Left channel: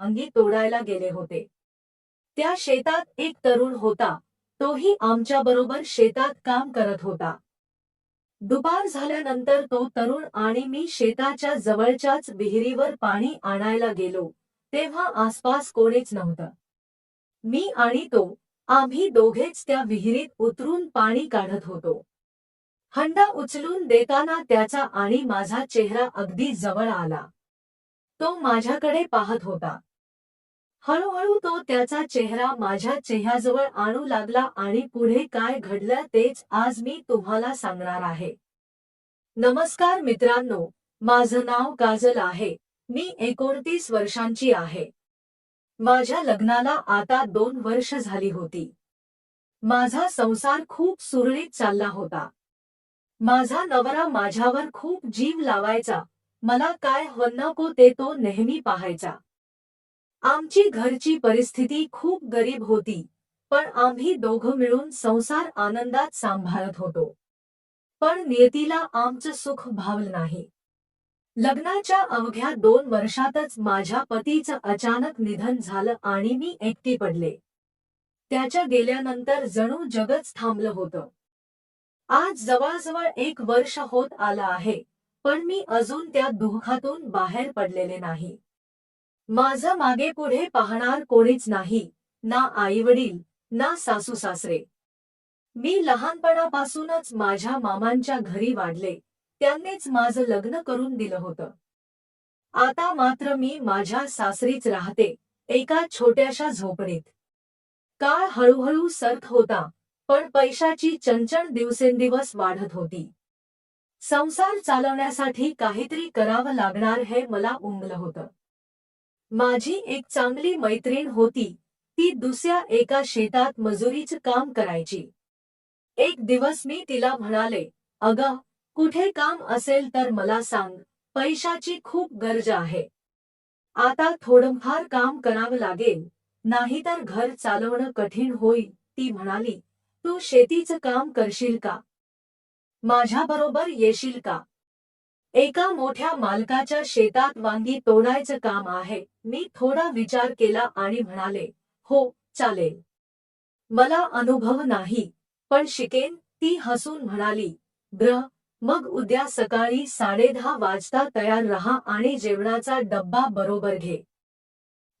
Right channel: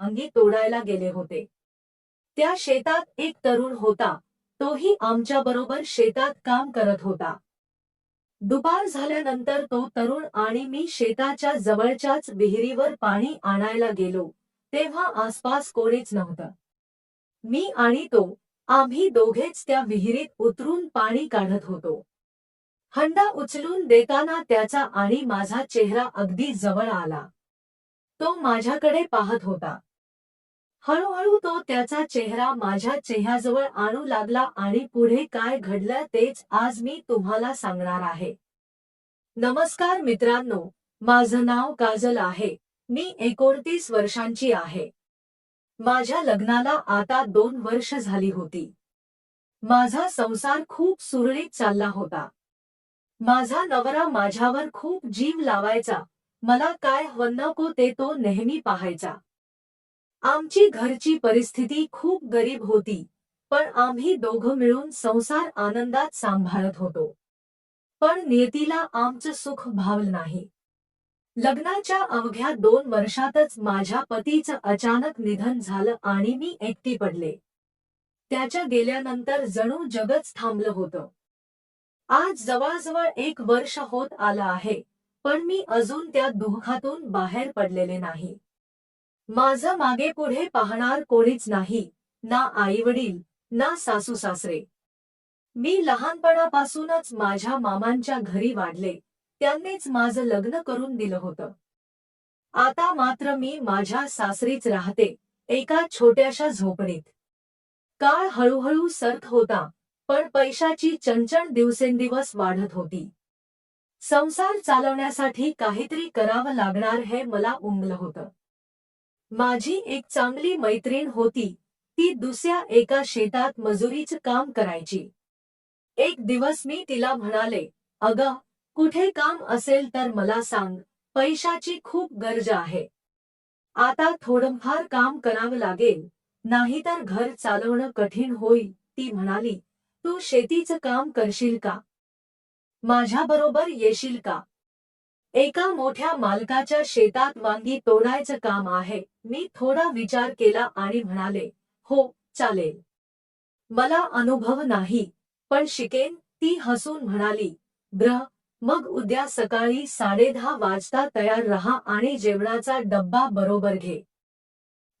अंगी तोडायला गेले होते। त्या शेतात एक तरुण होता, तोही आमच्याबरोबर शेतात काम करत होता। दुपार झाल्यानंतर तो तरुण आणि मी शेताच्या जवळच्याच विहिरीवर पाणी आणायला गेलो, तेव्हा आसपास कोणीच नव्हतं। मी आणि तो, आम्ही दोघेच त्या विहिरीत उतरून पाणी काढत होतो। हंडा उचलून देताना त्याचा आणि माझा चेहरा अगदी जवळ आला। तो माझ्याकडे पाहत होता। हळूहळू तो त्याचा चेहरा माझ्या चेहऱ्याजवळ आणू लागला आणि पुढे काय घडलं तेच आज मी तुम्हाला सांगणार आहे। नमस्कार मित्रांनो, माझं नाव काजल आहे। मी 29 वर्षांची आहे। माझ्या लग्नाला आता 2 वर्ष झाली होती। माझा संसार खूप सुरळीत चालला होता। माझा नवरा माझ्यावर खूप जीव लावायचा, मला काय हवं नको ते तो नेहमी पाहायचा। आमची घरची परिस्थिती खूप गरीब होती, पण आम्ही दोघं मिळून संसार आनंदात सांभाळत होतो। पण नियतीला आमचं सुख भावलं नाही। लग्नाच्या अवघ्या 2 वर्षातच माझ्या पतीचं अचानक निधन झालं आणि मी एकटी पडले। त्याच्या गेल्यानंतर जणू जगच थांबलं होतं। आज जवळजवळ 1 वर्ष होत आलं आहे, पण मी अजून त्या दुःखातून बाहेर पडलेले नाही। माझं मागे पुढे पाहणार कोणीच नाही, ना आईवडील, ना सासू-सासरे। मी लहानपणापासूनच माझ्या मामांच्या घरी वाढले, त्यांनीच माझं लग्न करून दिलं होतं। आता मात्र मी माझ्या सासरीच राहते, एका छोट्याशा झोपडीत। काळ हळूहळू सरत होता, पण पैशाची चणचण दिवसेंदिवस वाढत होती। संसार चालवण्यासाठी काहीतरी करावं लागणार हे मला उमगलं होतं। माझी एक चांगली मैत्रीण होती, ती दुसऱ्या एका शेतात मजुरीचं काम करायची। एक दिवस मी तिला म्हणाले, "अगं, कुठे काम असेल तर मला सांग, पैशाची खूप गरज आहे। आता थोडंफार काम करावं लागेल, नाहीतर घर चालवणं कठीण होईल." ती म्हणाली, "तू शेतीचं काम करशील का? माझ्याबरोबर येशील का? एका मोठ्या मालकाच्या शेतात वांगी तोडायचं काम आहे." मी थोडा विचार केला आणि म्हणाले, "हो, चालेल. मला अनुभव नाही, पण शिकेन." ती हसून म्हणाली, "ब्र, मग उद्या सकाळी 10:30 वाजता तयार रहा आणि जेवणाचा डब्बा बरोबर घे."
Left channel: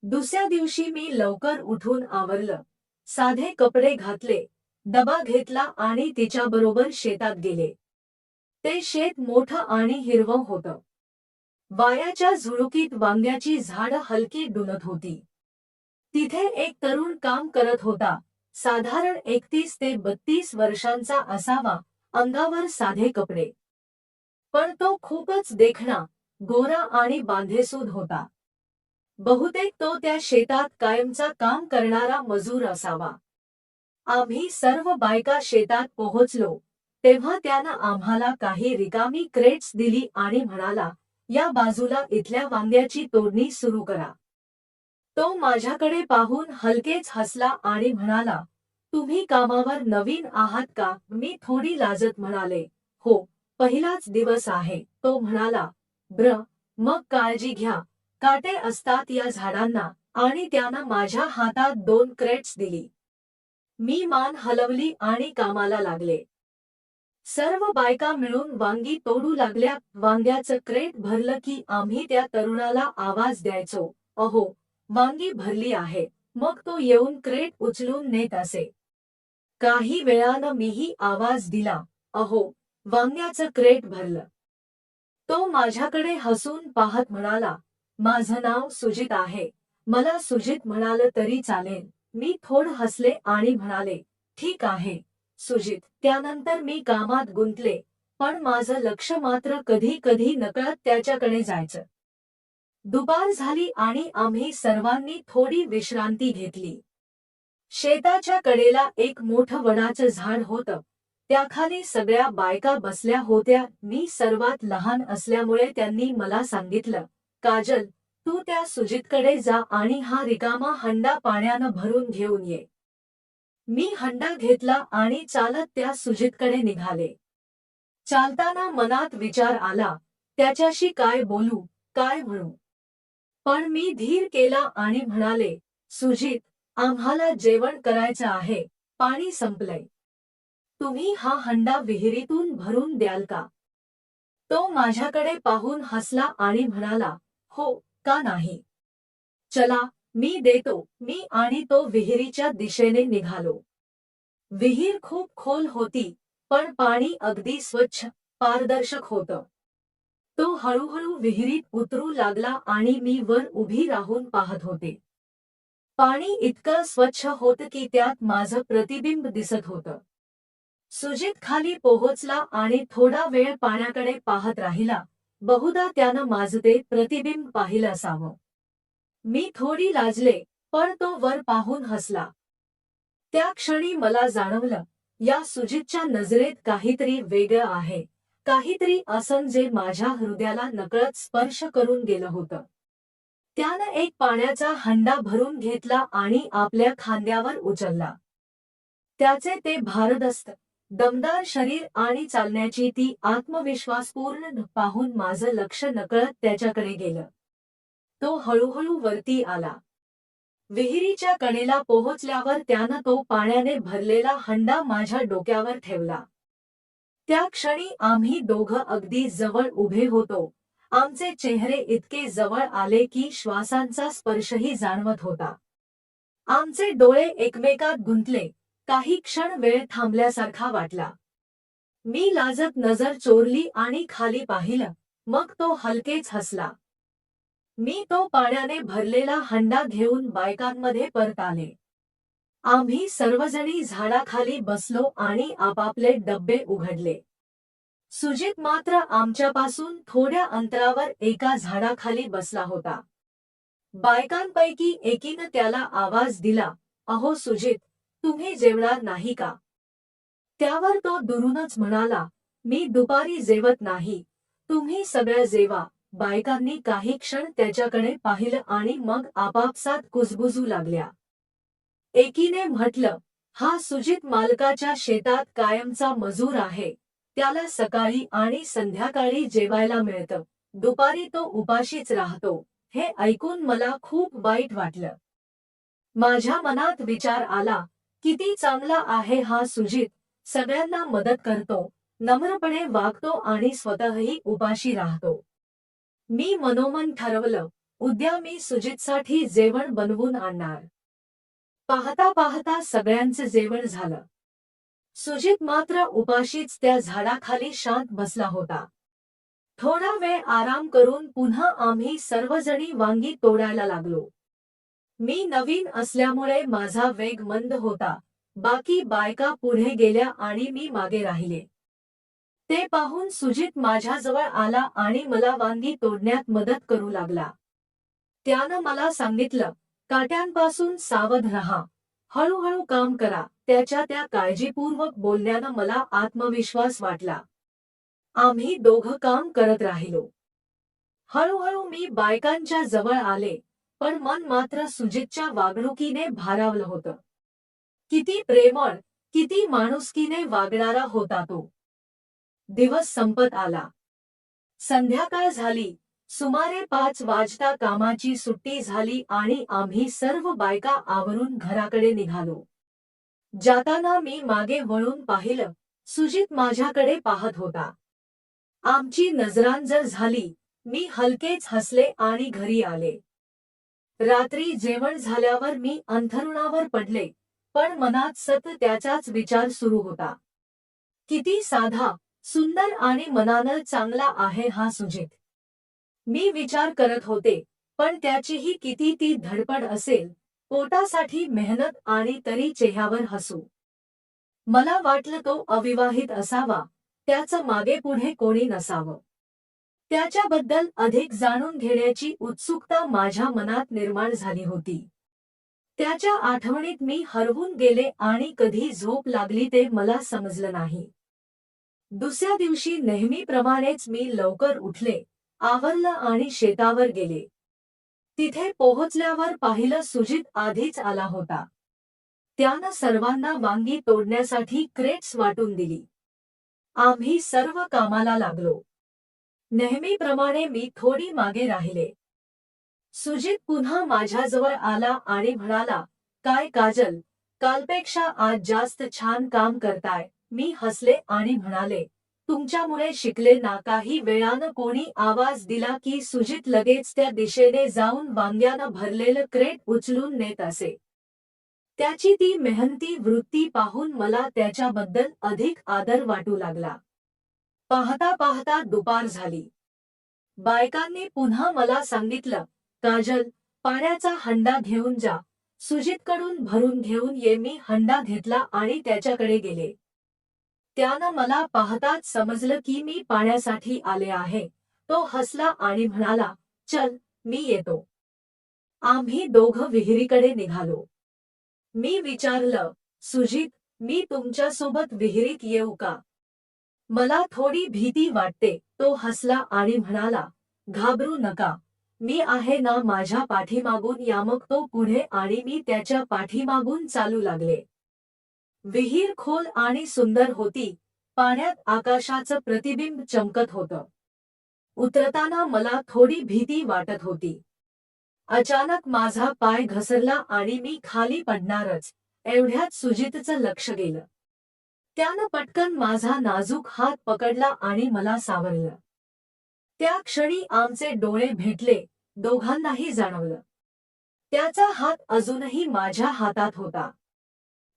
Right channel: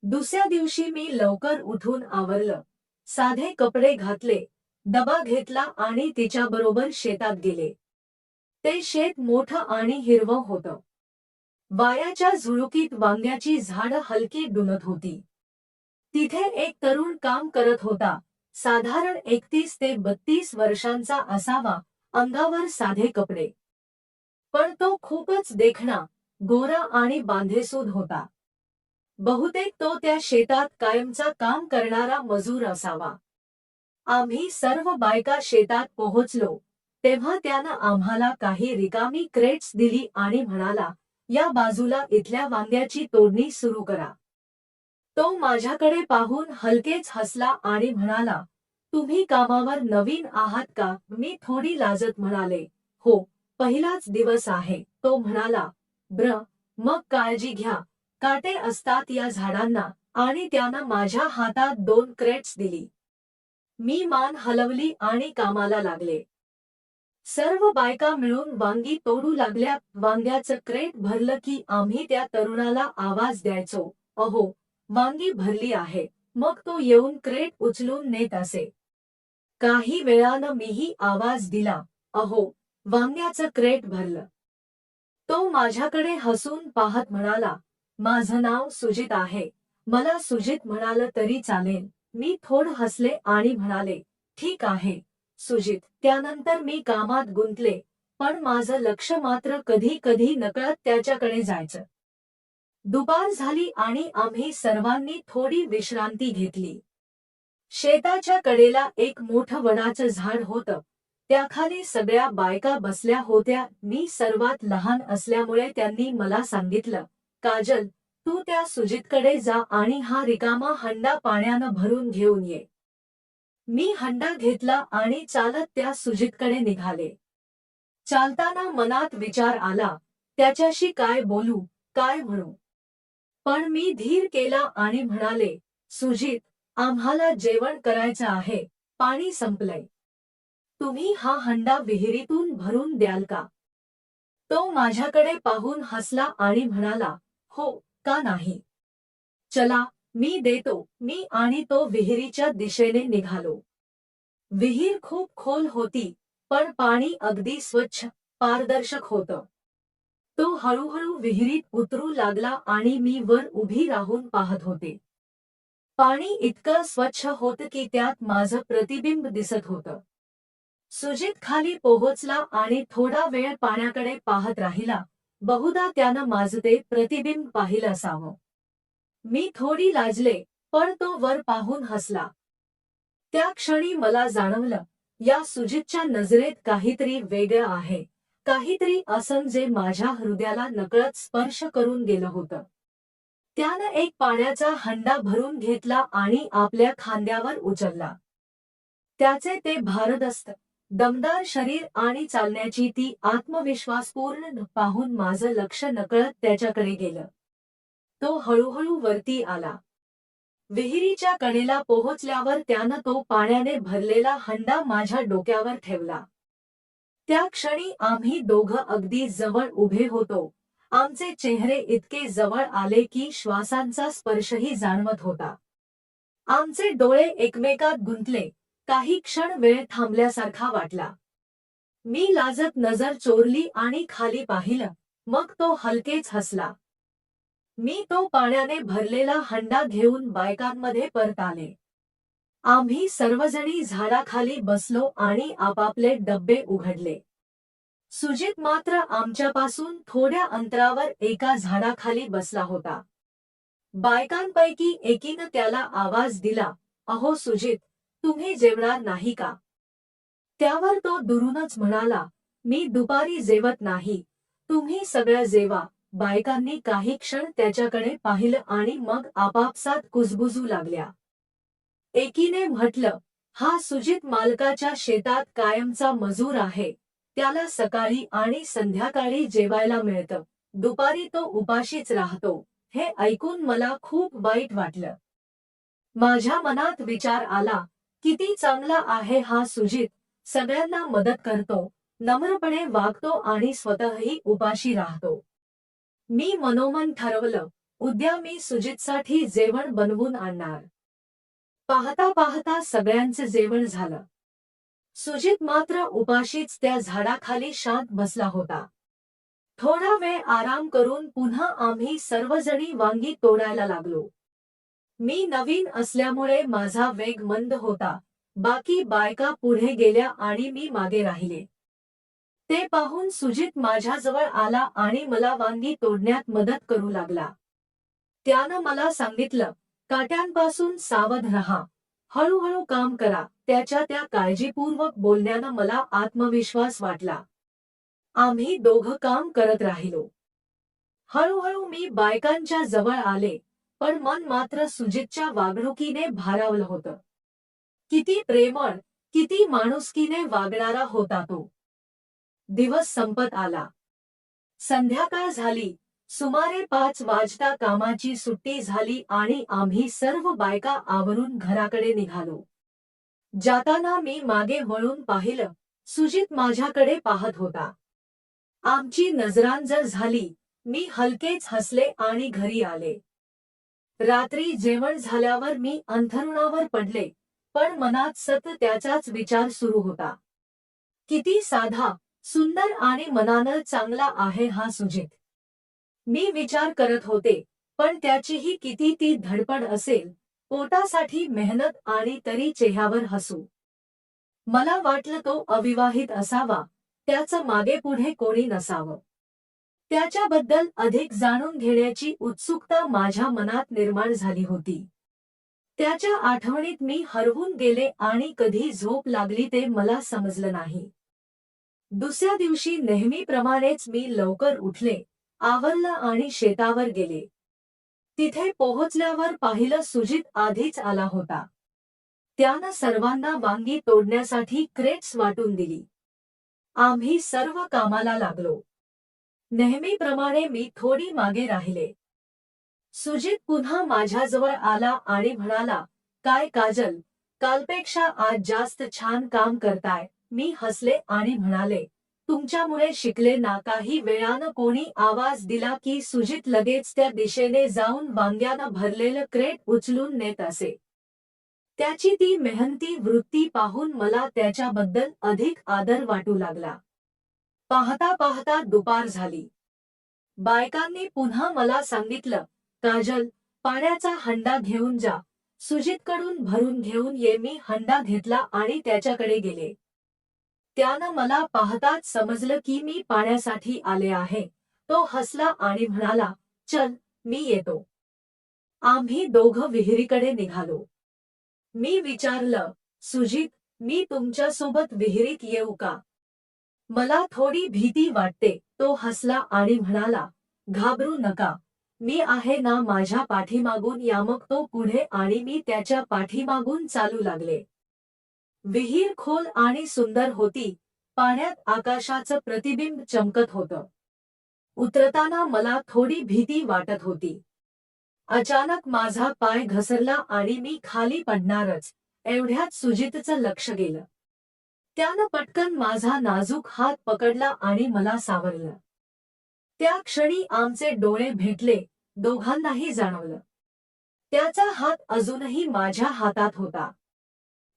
दुसऱ्या दिवशी मी लवकर उठून आवरलं, साधे कपडे घातले, डबा घेतला आणि तिच्याबरोबर शेतात गेले। ते शेत मोठं आणि हिरवं होतं। वाऱ्याच्या झुळुकीत वांग्याची झाडं हलकी डुलत होती। तिथे एक तरुण काम करत होता, साधारण 31 ते 32 वर्षांचा असावा, अंगावर साधे कपडे। पण तो खूपच देखणा, गोरा आणि बांधेसूद होता। बहुतेक तो त्या शेतात कायमचा काम करणारा मजूर असावा। आम्ही सर्व बायका शेतात पोहोचलो, तेव्हा त्यानं आम्हाला काही रिकामी क्रेट्स दिली आणि म्हणाला, "या बाजूला इथल्या वांग्याची तोडणी सुरू करा." तो माझ्याकडे पाहून हलकेच हसला आणि म्हणाला, "तुम्ही कामावर नवीन आहात का?" मी थोडी लाजत म्हणाले, "हो, पहिलाच दिवस आहे." तो म्हणाला, "ब्र, मग काळजी घ्या, काटे असतात या झाडांना." आणि त्यानं माझ्या हातात 2 क्रेट्स दिली। मी मान हलवली आणि कामाला लागले। सर्व बायका मिळून वांगी तोडू लागल्या। वांग्याचं क्रेट भरलं की आम्ही त्या तरुणाला आवाज द्यायचो, "अहो, वांगी भरली आहे." मग तो येऊन क्रेट उचलून नेत असे। काही वेळानं मीही आवाज दिला, "अहो, वांग्याचं क्रेट भरलं." तो माझ्याकडे हसून पाहत म्हणाला, "माझं नाव सुजित आहे." मला सुजित म्हणालं तरी चालेल। मी थोडं हसले आणि म्हणाले, "ठीक आहे, सुजित." त्यानंतर मी कामात गुंतले, पण माझं लक्ष मात्र कधी-कधी नकळत त्याच्याकडे जायचं। दुपार झाली आणि आम्ही सर्वांनी थोडी विश्रांती घेतली। शेताच्या कडेला एक मोठं वडाचं झाड होतं, त्याखाली सगळ्या बायका बसल्या होत्या। मी सर्वात लहान असल्यामुळे त्यांनी मला सांगितलं, "काजल, तू त्या सुजितकडे जा आणि हा रिकामा हंडा पाण्यानं भरून घेऊन ये." मी हंडा घेतला आणि चालत त्या सुजितकडे निघाले। चालताना मनात विचार आला, त्याच्याशी काय बोलू, काय म्हणू? पण मी धीर केला आणि म्हणाले, सुजित, आम्हाला जेवण करायचं आहे, पाणी संपलंय. तुम्ही हा हंडा विहिरीतून भरून द्याल का? तो माझ्याकडे पाहून हसला आणि म्हणाला, हो, का नाही? चला, मी देतो. मी आणि तो विहिरीच्या दिशेने निघालो. विहीर खूप खोल होती, पण पाणी अगदी स्वच्छ, पारदर्शक होतं. तो हळूहळू विहिरीत उतरू लागला आणि मी वर उभी राहून पाहत होते. पाणी इतकं स्वच्छ होतं की त्यात माझं प्रतिबिंब दिसत होतं. सुजित खाली पोहोचला आणि थोडा वेळ पाण्याकडे पाहत राहिला. बहुधा त्यानं माझं ते प्रतिबिंब पाहिलं असावं. मी थोडी लाजले, पण तो वर पाहून हसला. त्या क्षणी मला जाणवलं, या सुजितच्या नजरेत काहीतरी वेगळं आहे, काहीतरी असं जे माझ्या हृदयाला नकळत स्पर्श करून गेलं होतं. त्यानं एक पाण्याचा हंडा भरून घेतला आणि आपल्या खांद्यावर उचलला. त्याचे ते भारदस्त, दमदार शरीर आणि चालण्याची ती आत्मविश्वासपूर्ण पाहून माझं लक्ष नकळत त्याच्याकडे गेलं. तो हळूहळू वरती आला. विहिरीच्या कडेला पोहोचल्यावर त्यानं तो पाण्याने भरलेला हंडा माझ्या डोक्यावर ठेवला. त्या क्षणी आम्ही दोघं अगदी जवळ उभे होतो. आमचे चेहरे इतके जवळ आले की श्वासांचा स्पर्शही जाणवत होता. आमचे डोळे एकमेकात गुंतले. काही क्षण वेळ थांबल्यासारखा वाटला. मी लाजत नजर चोरली आणि खाली पाहिलं, मग तो हलकेच हसला. मी तो पाण्याने भरलेला हंडा घेऊन बायकांमध्ये परत आले. आम्ही सर्वजणी झाडाखाली बसलो आणि आपापले डब्बे उघडले. सुजित मात्र आमच्यापासून थोड्या अंतरावर एका झाडाखाली बसला होता. बायकांपैकी एकीनं त्याला आवाज दिला, अहो सुजित, तुम्ही जेवणार नाही का? त्यावर तो दुरूनच म्हणाला, मी दुपारी जेवत नाही, तुम्ही सगळं जेवा. बायकांनी काही क्षण त्याच्याकडे पाहिलं आणि मग आपापसात कुजबुजू लागल्या. एकीने म्हटलं, हा सुजित मालकाच्या शेतात कायमचा मजूर आहे. त्याला सकाळी आणि संध्याकाळी जेवायला मिळतं. दुपारी तो उपाशीच राहतो. हे ऐकून मला खूप वाईट वाटलं. माझ्या मनात विचार आला, किती चांगला आहे हा सुजित, सगळ्यांना मदत करतो, नम्रपणे वागतो आणि स्वतःही उपाशी राहतो. मी मनोमन ठरवलं, उद्या मी सुजितसाठी जेवण बनवून आणणार. पाहता पाहता सगळ्यांचं जेवण झालं. सुजित मात्र उपाशीच त्या झाडाखाली शांत बसला होता. थोडा वेळ आराम करून पुन्हा आम्ही सर्वजणी वांगी तोडायला लागलो. मी नवीन असल्यामुळे माझा वेग मंद होता. बाकी बायका पुढे गेल्या आणि मी मागे राहिले. ते पाहून सुजित माझ्याजवळ आला आणि मला वांगी तोडण्यात मदत करू लागला. त्यानं मला सांगितलं, काट्यांपासून सावध रहा, हळूहळू काम करा. त्याच्या त्या काळजीपूर्वक बोलण्यानं मला आत्मविश्वास वाटला. आम्ही दोघं काम करत राहिलो. हळूहळू मी बायकांच्या जवळ आले, पण मन मात्र सुजितच्या वागणुकीने भारावलं होतं. किती प्रेमळ, किती माणुसकीने वागणारा होता तो. दिवस संपत आला. संध्याकाळ झाली. सुमारे 5 वाजता कामाची सुट्टी झाली आणि आम्ही सर्व बायका आवरून घराकडे निघालो. जाताना मी मागे वळून पाहिलं, सुजित माझ्याकडे पाहत होता. आमची नजरांजर झाली. मी हलकेच हसले आणि घरी आले. रात्री जेवण झाल्यावर मी अंथरुणावर पडले, पण मनात सतत त्याचाच विचार सुरू होता. किती साधा, सुंदर आणि मनानं चांगला आहे हा सुजित. मी विचार करत होते, पण त्याचीही किती ती धडपड असेल, पोटासाठी मेहनत आणि तरी चेहऱ्यावर हसू. मला वाटलं तो अविवाहित असावा, त्याचं मागेपुढे कोणी नसावं. त्याच्याबद्दल अधिक जाणून घेण्याची उत्सुकता माझ्या मनात निर्माण झाली होती. त्याच्या आठवणीत मी हरवून गेले आणि कधी झोप लागली ते मला समजलं नाही. दुसऱ्या दिवशी नेहमीप्रमाणेच मी लवकर उठले, आवरलं आणि शेतावर गेले. तिथे पोहोचल्यावर पाहिलं सुजित आधीच आला होता. त्यानं सर्वांना वांगी तोडण्यासाठी क्रेट्स वाटून दिली. आम्ही सर्व कामाला लागलो. नेहमीप्रमाणे मी थोडी मागे राहिले. सुजित पुन्हा माझ्याजवळ आला आणि म्हणाला, काय काजल, कालपेक्षा आज जास्त छान काम करताय. मी हसले आणि म्हणाले, तुमच्यामुळे शिकले ना. काही वेळानं कोणी आवाज दिला की सुजित लगेच त्या दिशेने जाऊन वांग्यानं भरलेलं क्रेट उचलून नेत असे. त्याची ती मेहनती वृत्ती पाहून मला त्याच्याबद्दल अधिक आदर वाटू लागला. पाहता पाहता दुपार झाली. बायकांनी पुन्हा मला सांगितलं, काजल, पाण्याचा हंडा घेऊन जा. सुजितकडून भरून घेऊन ये. मी हंडा घेतला आणि त्याच्याकडे गेले. त्यानं मला पाहताच समजलं की मी पाण्यासाठी आले आहे. तो हसला आणि म्हणाला, चल, मी येतो. आम्ही दोघं विहिरीकडे निघालो. मी विचारलं, सुजित, मी तुमच्यासोबत विहिरीत येऊ का? मला थोडी भीती वाटते. तो हसला आणि म्हणाला, घाबरू नका. मी आहे ना. माझ्या पाठीमागून या. मग तो पुढे आणि मी त्याच्या पाठीमागून चालू लागले. विहीर खोल आणि सुंदर होती. पाण्यात आकाशाचं प्रतिबिंब चमकत होतं. उतरताना मला थोडी भीती वाटत होती. अचानक माझा पाय घसरला आणि मी खाली पडणारच एवढ्यात सुजितचं लक्ष गेलं. त्यानं पटकन माझा नाजूक हात पकडला आणि मला सावरलं. त्या क्षणी आमचे डोळे भेटले. दोघांनाही जाणवलं, त्याचा हात अजूनही माझ्या हातात होता.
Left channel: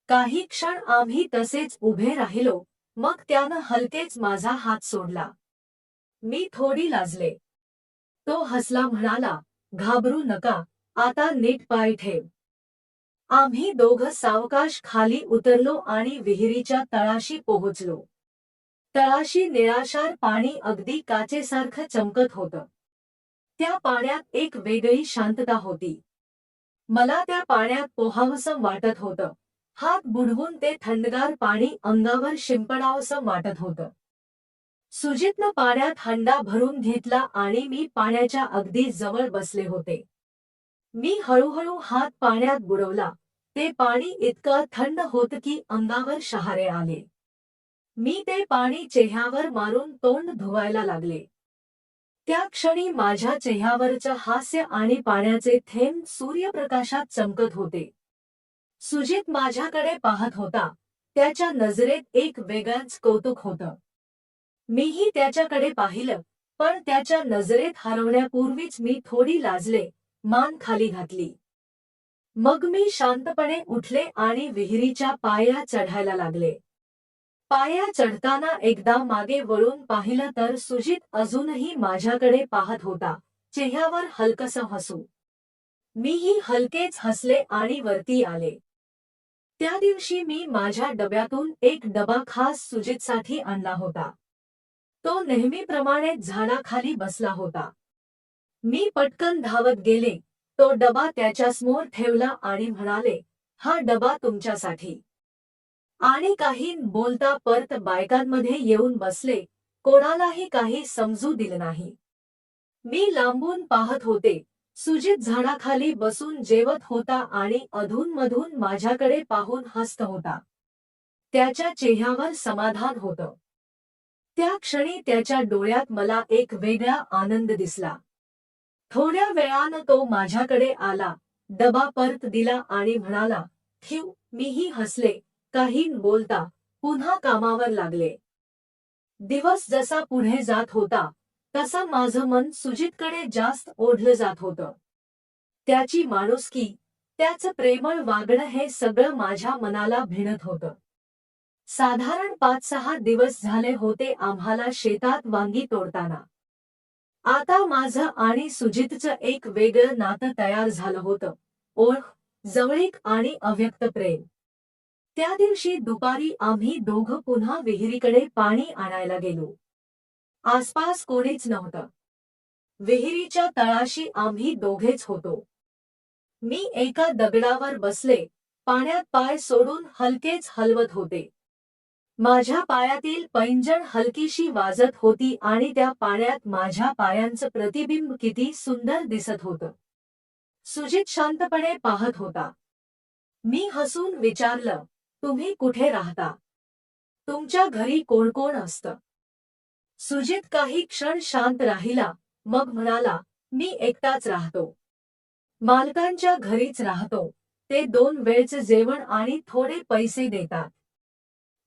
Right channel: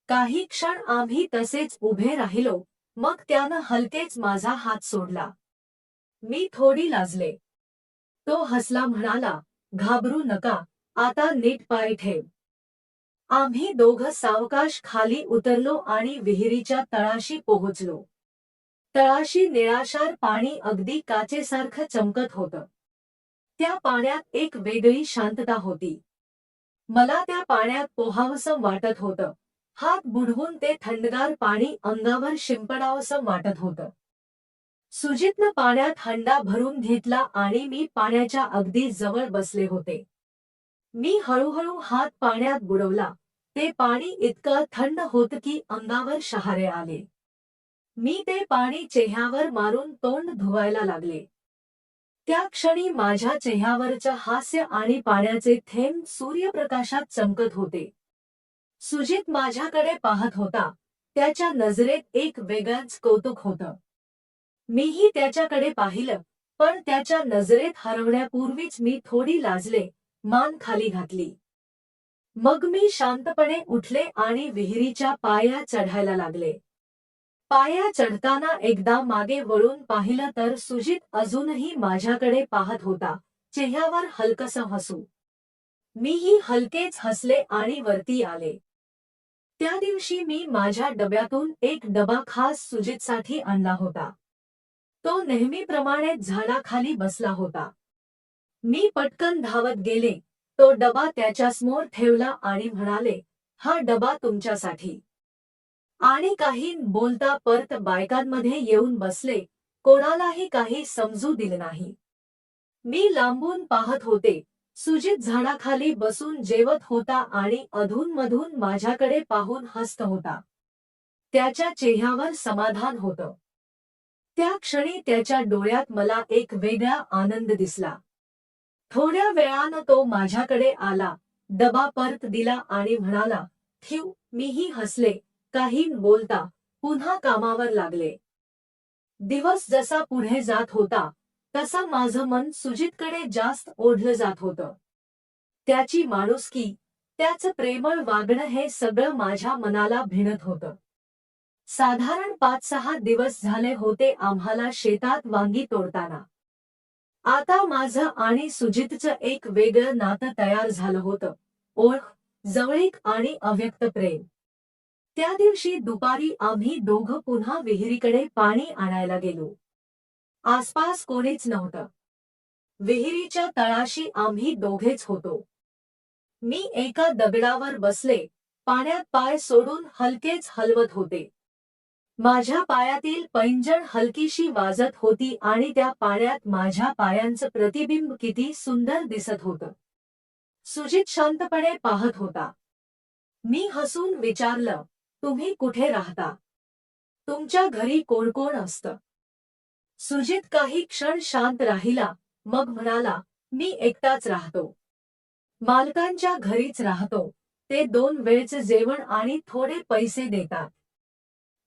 काही क्षण आम्ही तसेच उभे राहिलो. मग त्यानं हलकेच माझा हात सोडला. मी थोडी लाजले. तो हसला, म्हणाला, घाबरू नका. आता नीट पाय ठेव. आम्ही दोघं सावकाश खाली उतरलो आणि विहिरीच्या तळाशी पोहोचलो. तळाशी निळाशार पाणी अगदी काचेसारखं चमकत होतं. त्या पाण्यात एक वेगळी शांतता होती. मला त्या पाण्यात पोहावसं वाटत होतं. हात बुडवून ते थंडगार पाणी अंगावर शिंपडावसं वाटत होतं. सुजितनं पाण्यात हंडा भरून घेतला आणि मी पाण्याच्या अगदी जवळ बसले होते. मी हळूहळू हात पाण्यात बुडवला. ते पाणी इतकं थंड होतं की अंगावर शहारे आले. मी ते पाणी चेहऱ्यावर मारून तोंड धुवायला लागले. त्या क्षणी माझ्या चेहऱ्यावरचं हास्य आणि पाण्याचे थेंब सूर्यप्रकाशात चमकत होते. सुजित माझ्याकडे पाहत होता. त्याच्या नजरेत एक वेगळंच कौतुक होतं. मीही त्याच्याकडे पाहिलं, पण त्याच्या नजरेत हरवण्यापूर्वीच मी थोडी लाजले, मान खाली घातली. मग मी शांतपणे उठले आणि विहिरीच्या पाया चढायला लागले. पाया चढताना एकदा मागे वळून पाहिलं तर सुजित अजूनही माझ्याकडे पाहत होता, चेहऱ्यावर हलकसं हसू. मीही हलकेच हसले आणि वरती आले. त्या दिवशी मी माझ्या डब्यातून एक डबा खास सुजितसाठी आणला होता. तो नेहमीप्रमाणेच झाडाखाली बसला होता. मी पटकन धावत गेले. तो डबा त्याच्यासमोर ठेवला आणि म्हणाले, हा डबा तुमच्यासाठी. आणि काही बोलता परत बायकांमध्ये येऊन बसले. कोणालाही काही समजू दिलं नाही. मी लांबून पाहत होते. सुजित झाडाखाली बसून जेवत होता आणि अधूनमधून माझ्याकडे पाहून हसत होता. त्याच्या चेहऱ्यावर समाधान होतं. त्या क्षणी त्याच्या डोळ्यात मला एक वेगळा आनंद दिसला. थोड्या वेळानं तो माझ्याकडे आला, डबा परत दिला आणि म्हणाला, ठेव. मीही हसले. काही बोलता पुन्हा कामावर लागले. दिवस जसा पुढे जात होता तसा माझं मन सुजितकडे जास्त ओढलं जात होतं. त्याची माणुसकी, त्याचं प्रेमळ वागणं हे सगळं माझ्या मनाला भिडत होतं. साधारण 5-6 दिवस झाले होते आम्हाला शेतात वांगी तोडताना. आता माझं आणि सुजितचं एक वेगळं नातं तयार झालं होतं. ओळख, जवळीक आणि अव्यक्त प्रेम. त्या दिवशी दुपारी आम्ही दोघं पुन्हा विहिरीकडे पाणी आणायला गेलो. आसपास कोणीच नव्हतं. विहिरीच्या तळाशी आम्ही दोघेच होतो. मी एका दगडावर बसले, पाण्यात पाय सोडून हलकेच हलवत होते. माझ्या पायातील पैंजण हलकीशी वाजत होती आणि त्या पाण्यात माझ्या पायांचं प्रतिबिंब किती सुंदर दिसत होतं. सुजित शांतपणे पाहत होता. मी हसून विचारलं, तुम्ही कुठे राहता? तुमच्या घरी कोण कोण असतं? सुजित काही क्षण शांत राहिला, मग म्हणाला, मी एकटाच राहतो. मालकांच्या घरीच राहतो, ते 2 वेळचे जेवण आणि थोडे पैसे देतात.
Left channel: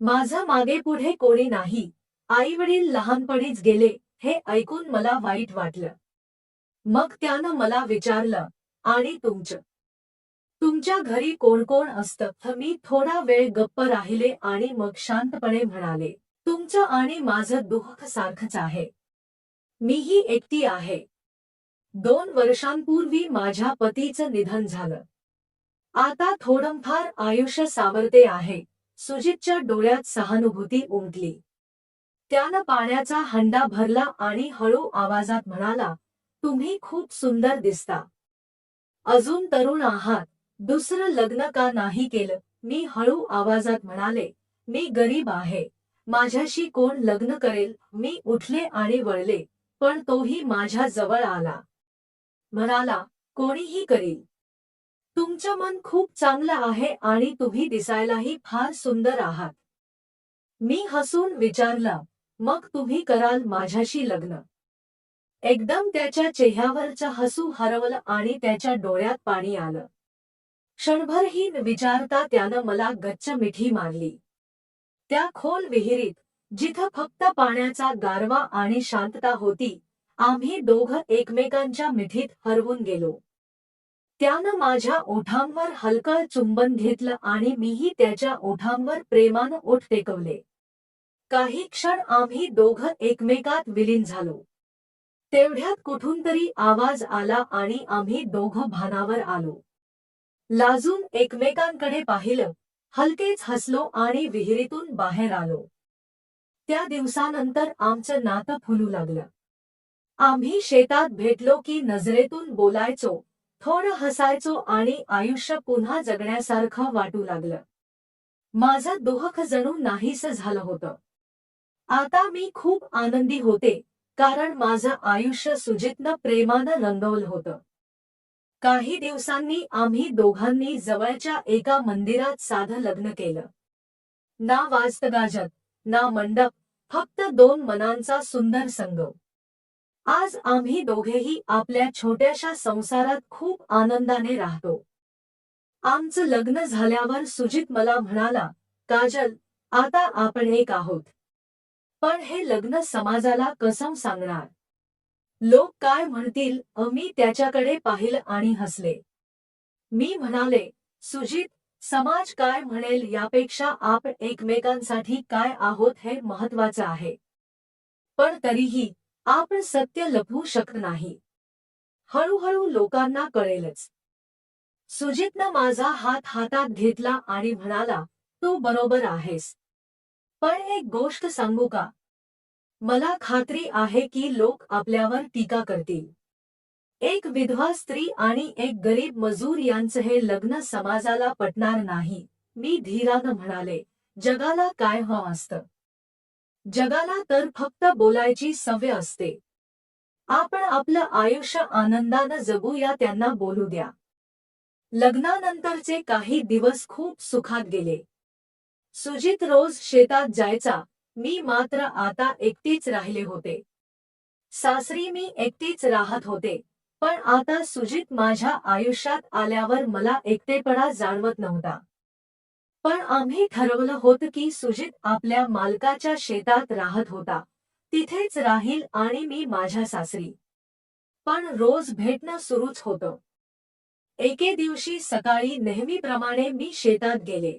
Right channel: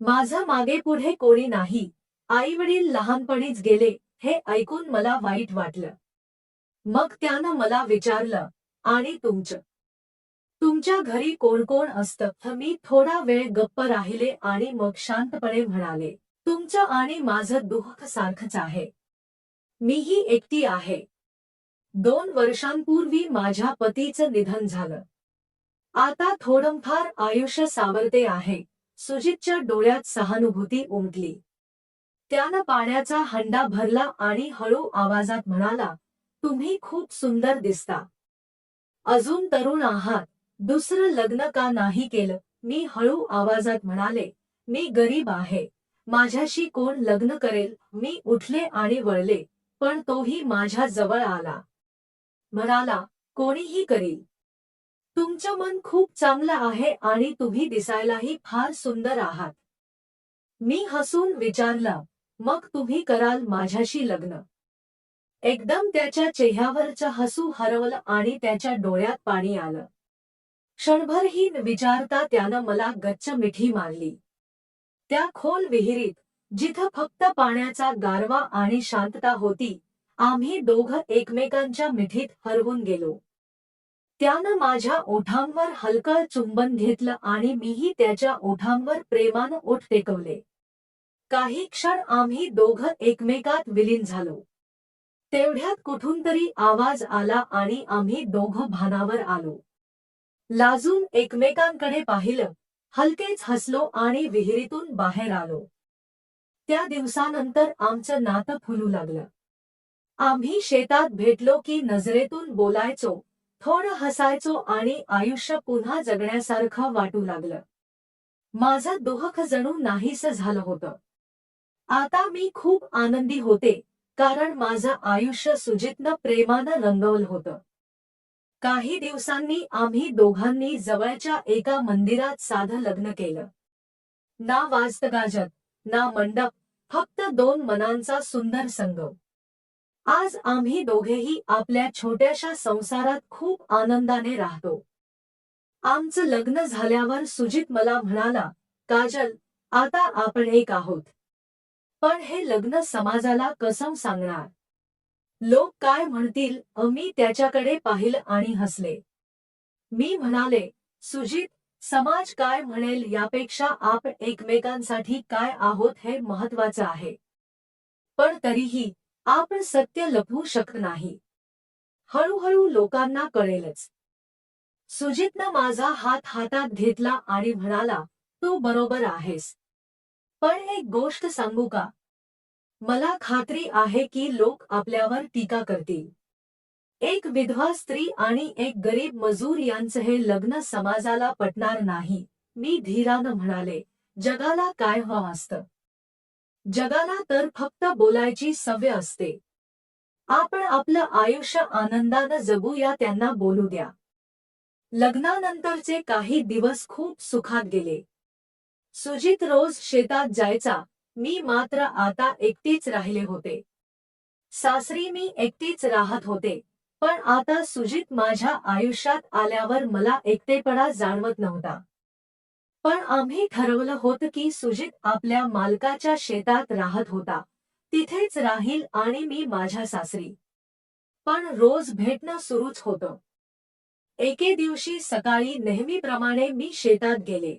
माझं मागे पुढे कोणी नाही, आई वडील लहानपणीच गेले, हे ऐकून मला वाईट वाटलं. मग त्यानं मला विचारलं, आणि तुमच्या घरी कोण कोण असतं? मी थोडा वेळ गप्प राहिले आणि मग शांतपणे म्हणाले, तुमचं आणि माझं दुःख सारखंच आहे. मीही एकटी आहे. 2 वर्षांपूर्वी माझ्या पतीचं निधन झालं. आता थोडंफार आयुष्य सावरते आहे. सुजितच्या डोळ्यात सहानुभूती उमटली. त्यानं पाण्याचा हंडा भरला आणि हळू आवाजात म्हणाला, तुम्ही खूप सुंदर दिसता. अजून तरुण आहात. दुसरं लग्न का नाही केलं? मी हळू आवाजात म्हणाले, मी गरीब आहे. माझ्याशी कोण लग्न करेल? मी उठले आणि वळले, पण तोही माझ्या जवळ आला. म्हणाला, कोणीही करील. तुमचं मन खूप चांगलं आहे आणि तुम्ही दिसायलाही फार सुंदर आहात. मी हसून विचारलं, मग तुम्ही कराल माझ्याशी लग्न? एकदम त्याच्या चेहऱ्यावरचं हसू हरवलं आणि त्याच्या डोळ्यात पाणी आलं. क्षणभरही न विचारता त्यानं मला गच्च मिठी मारली. त्या खोल विहिरीत, जिथं फक्त पाण्याचा गारवा आणि शांतता होती, आम्ही दोघं एकमेकांच्या मिठीत हरवून गेलो. त्यानं माझ्या ओठांवर हलकं चुंबन घेतलं आणि मीही त्याच्या ओठांवर प्रेमानं ओठ टेकवले. काही क्षण आम्ही दोघं एकमेकात विलीन झालो. तेवढ्यात कुठून तरी आवाज आला आणि आम्ही दोघं भानावर आलो. लाजून एकमेकांकडे पाहिलं, हलकेच हसलो आणि विहिरीतून बाहेर आलो. त्या दिवसानंतर आमचं नातं फुलू लागलं. आम्ही शेतात भेटलो की नजरेतून बोलायचो, थोडं हसायचो आणि आयुष्य पुन्हा जगण्यासारखं वाटू लागलं. माझं दुःख जणू नाहीसं झालं होतं. आता मी खूप आनंदी होते, कारण माझं आयुष्य सुजितनं प्रेमानं रंगवलं होतं. काही दिवसांनी आम्ही दोघांनी जवळच्या एका मंदिरात साधं लग्न केलं. ना वाजतगाजत, ना मंडप, फक्त 2 मनांचा सुंदर संगम. आज आम्ही दोघेही आपल्या छोट्याशा संसारात खूप आनंदाने राहतो. आमचं लग्न झाल्यावर सुजित मला म्हणाला, काजल, आता आपण एक आहोत. पण हे लग्न समाजाला कसं सांगणार? लोक काय म्हणतील? मी त्याच्याकडे पाहिलं आणि हसले. मी म्हणाले, सुजित, समाज काय म्हणेल यापेक्षा आपण एकमेकांसाठी काय आहोत हे महत्त्वाचं आहे. पण तरीही आपण सत्य लपवू शकत नाही. हळूहळू लोकांना कळेलच. सुजितनं माझा हात हातात घेतला आणि म्हणाला, तू बरोबर आहेस. पण एक गोष्ट सांगू का? मला खात्री आहे की लोक आपल्यावर टीका करतील. एक विधवा स्त्री आणि एक गरीब मजूर यांचं हे लग्न समाजाला पटणार नाही. मी धीरानं म्हणाले, जगाला काय हवं असतं? जगाला तर फक्त बोलायची सवय असते. आपण आपलं आयुष्य आनंदानं जगूया, त्यांना बोलू द्या. लग्नानंतरचे काही दिवस खूप सुखात गेले. सुजित रोज शेतात जायचा, मी मात्र आता एकटीच राहिले होते. सासरी मी एकटीच राहत होते, पण आता सुजित माझ्या आयुष्यात आल्यावर मला एकटेपणा जाणवत नव्हता. पण आम्ही ठरवलं होतं की सुजित आपल्या मालकाच्या शेतात राहत होता, तिथेच राहील आणि मी माझ्या सासरी. पण रोज भेटणं सुरूच होतं. एके दिवशी सकाळी नेहमीप्रमाणे मी शेतात गेले.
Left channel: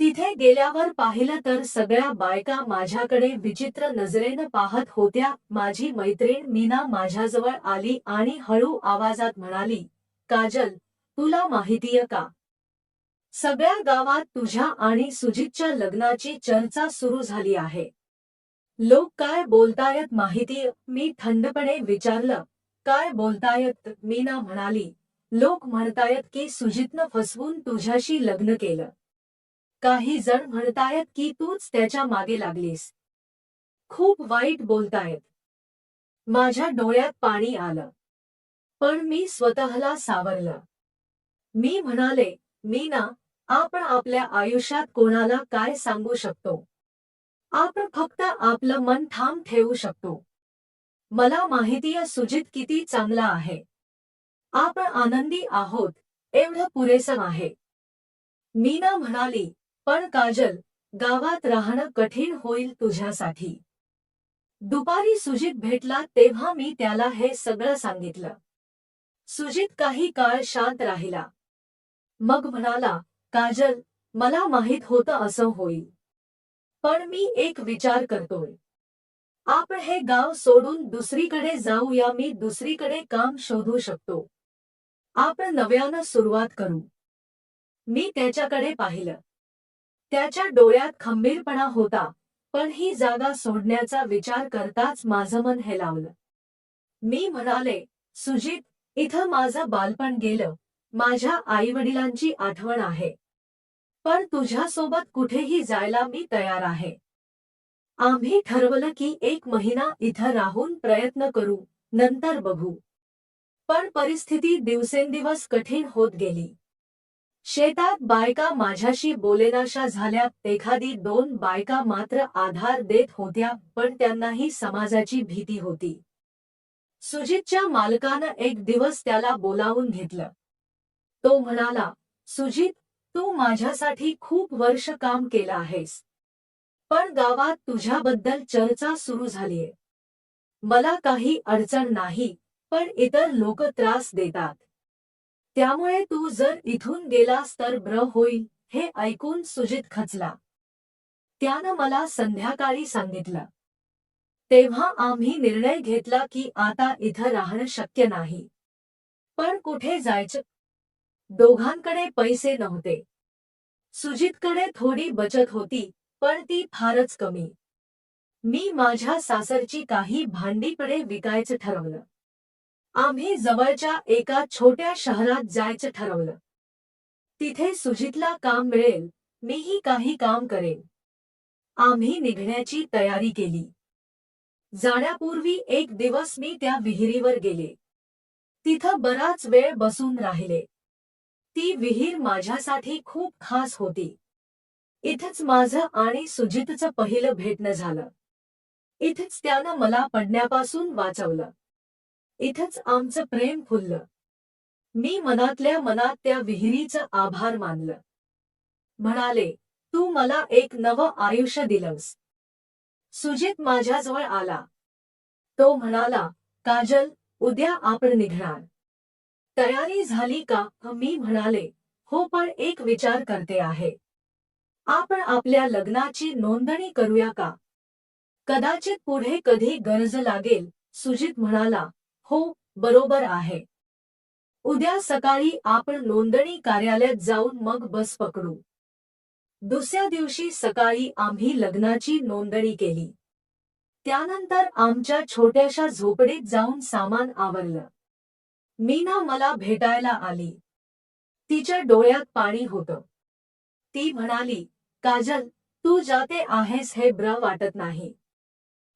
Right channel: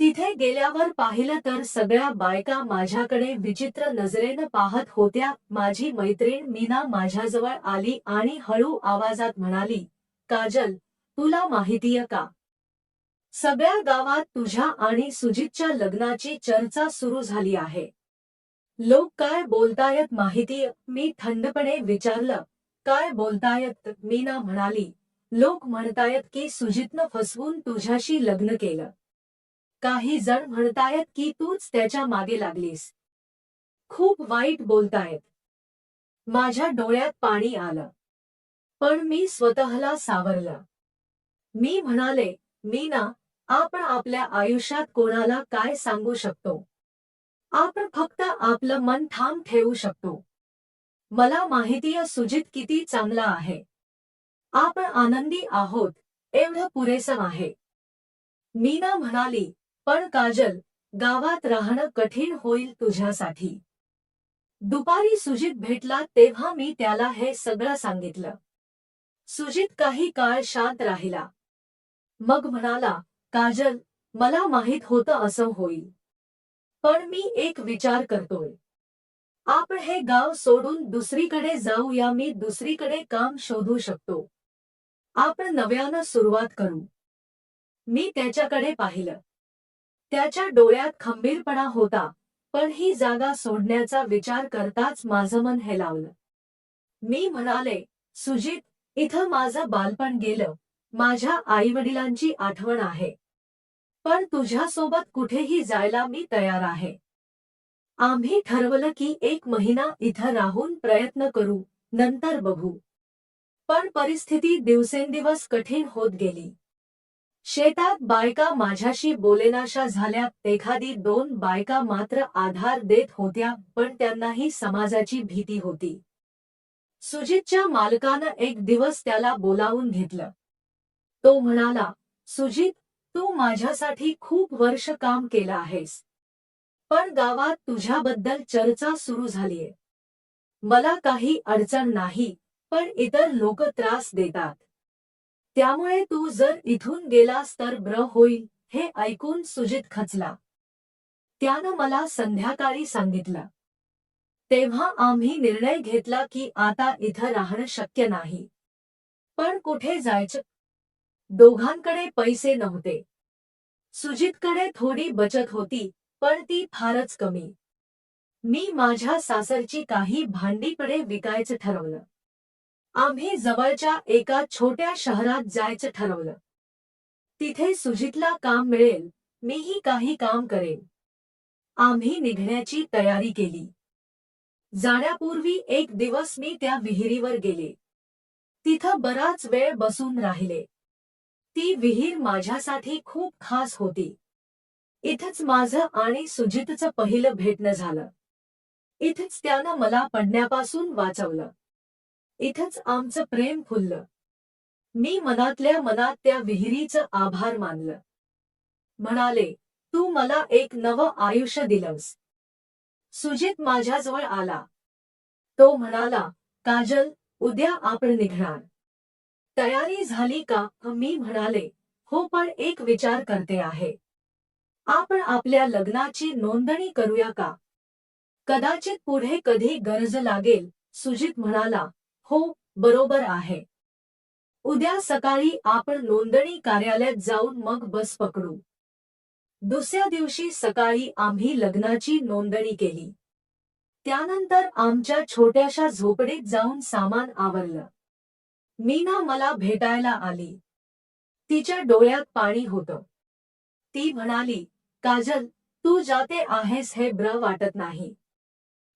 तिथे गेल्यावर पाहिलं तर सगळ्या बायका माझ्याकडे विचित्र नजरेनं पाहत होत्या. माझी मैत्रीण मीना माझ्याजवळ आली आणि हळू आवाजात म्हणाली, काजल, तुला माहितीय का? सगळ्या गावात तुझ्या आणि सुजितच्या लग्नाची चर्चा सुरू झाली आहे. लोक काय बोलतायत माहितीय? मी थंडपणे विचारलं, काय बोलतायत? मीना म्हणाली, लोक म्हणतायत की सुजितनं फसवून तुझ्याशी लग्न केलं. काही जण म्हणतायत की तूच त्याच्या मागे लागलीस. खूप वाईट बोलतायत. माझ्या डोळ्यात पाणी आलं. पण मी स्वतःला सावरलं. मी म्हणाले, मीना, आपण आपल्या आयुष्यात कोणाला काय सांगू शकतो? आपण फक्त आपलं मन ठाम ठेवू शकतो. मला माहितीय सुजित किती चांगला आहे. आपण आनंदी आहोत एवढं पुरेसं आहे. मीना म्हणाली, पण काजल, गावात राहणं कठीण होईल तुझ्यासाठी. दुपारी सुजित भेटला तेव्हा मी त्याला हे सगळं सांगितलं. सुजित काही काळ शांत राहिला. मग म्हणाला, काजल, मला माहित होतं असं होईल. पण मी एक विचार करतोय. आपण हे गाव सोडून दुसरीकडे जाऊया. मी दुसरीकडे काम शोधू शकतो. आपण नव्यानं सुरुवात करू. मी त्याच्याकडे पाहिलं. त्याच्या डोळ्यात खंबीरपणा होता, पण ही जागा सोडण्याचा विचार करताच माझं मन हेलावलं. मी म्हणाले, सुजित, इथं माझं बालपण गेलं, माझ्या आईवडिलांची आठवण आहे. पण तुझ्यासोबत कुठेही जायला मी तयार आहे. आम्ही ठरवलं की 1 महिना इथं राहून प्रयत्न करू, नंतर बघू. पण परिस्थिती दिवसेंदिवस कठीण होत गेली. शेतात बायका माझ्याशी बोलेनाशा झाल्या. एखादी 2 बायका मात्र आधार देत होत्या, पण त्यांनाही समाजाची भीती होती. सुजितच्या मालकानं एक दिवस त्याला बोलावून घेतलं. तो म्हणाला, सुजित, तू माझ्यासाठी खूप वर्ष काम केलं आहेस. पण गावात तुझ्याबद्दल चर्चा सुरू झालीये. मला काही अडचण नाही, पण इतर लोक त्रास देतात. त्यामुळे तू जर इथून गेलास तर बरं होईल. हे ऐकून सुजित खचला. त्यानं मला संध्याकाळी सांगितलं. तेव्हा आम्ही निर्णय घेतला की आता इथं राहणं शक्य नाही. पण कुठे जायचं? दोघांकडे पैसे नव्हते. सुजितकडे थोडी बचत होती, पण ती फारच कमी. मी माझ्या सासरची काही भांडीपडे विकायचं ठरवलं. आम्ही जवळच्या एका छोट्या शहरात जायचं ठरवलं. तिथे सुजितला काम मिळेल, मीही काही काम करेन. आम्ही निघण्याची तयारी केली. जाण्यापूर्वी एक दिवस मी त्या विहिरीवर गेले. तिथं बराच वेळ बसून राहिले. ती विहीर माझ्यासाठी खूप खास होती. इथंच माझं आणि सुजितचं पहिलं भेटणं झालं. इथंच त्यानं मला पडण्यापासून वाचवलं. इथंच आमचं प्रेम फुललं. मी मनातल्या मनात त्या विहिरीचं आभार मानलं. म्हणाले, तू मला एक नवं आयुष्य दिलंस. सुजित माझ्याजवळ आला. तो म्हणाला, काजल, उद्या आपण निघणार. तयारी झाली का? मी म्हणाले, हो, पण एक विचार करते आहे. आपण आपल्या लग्नाची नोंदणी करूया का? कदाचित पुढे कधी गरज लागेल. सुजित म्हणाला, हो, बरोबर आहे. उद्या सकाळी आपण नोंदणी कार्यालयात जाऊन मग बस पकडू. दुसऱ्या दिवशी सकाळी आम्ही लग्नाची नोंदणी केली. त्यानंतर आमच्या छोट्याशा झोपडीत जाऊन सामान आवरलं. मीना मला भेटायला आली. तिच्या डोळ्यात पाणी होतं. ती म्हणाली, काजल, तू जाते आहेस हे बरं वाटत नाही.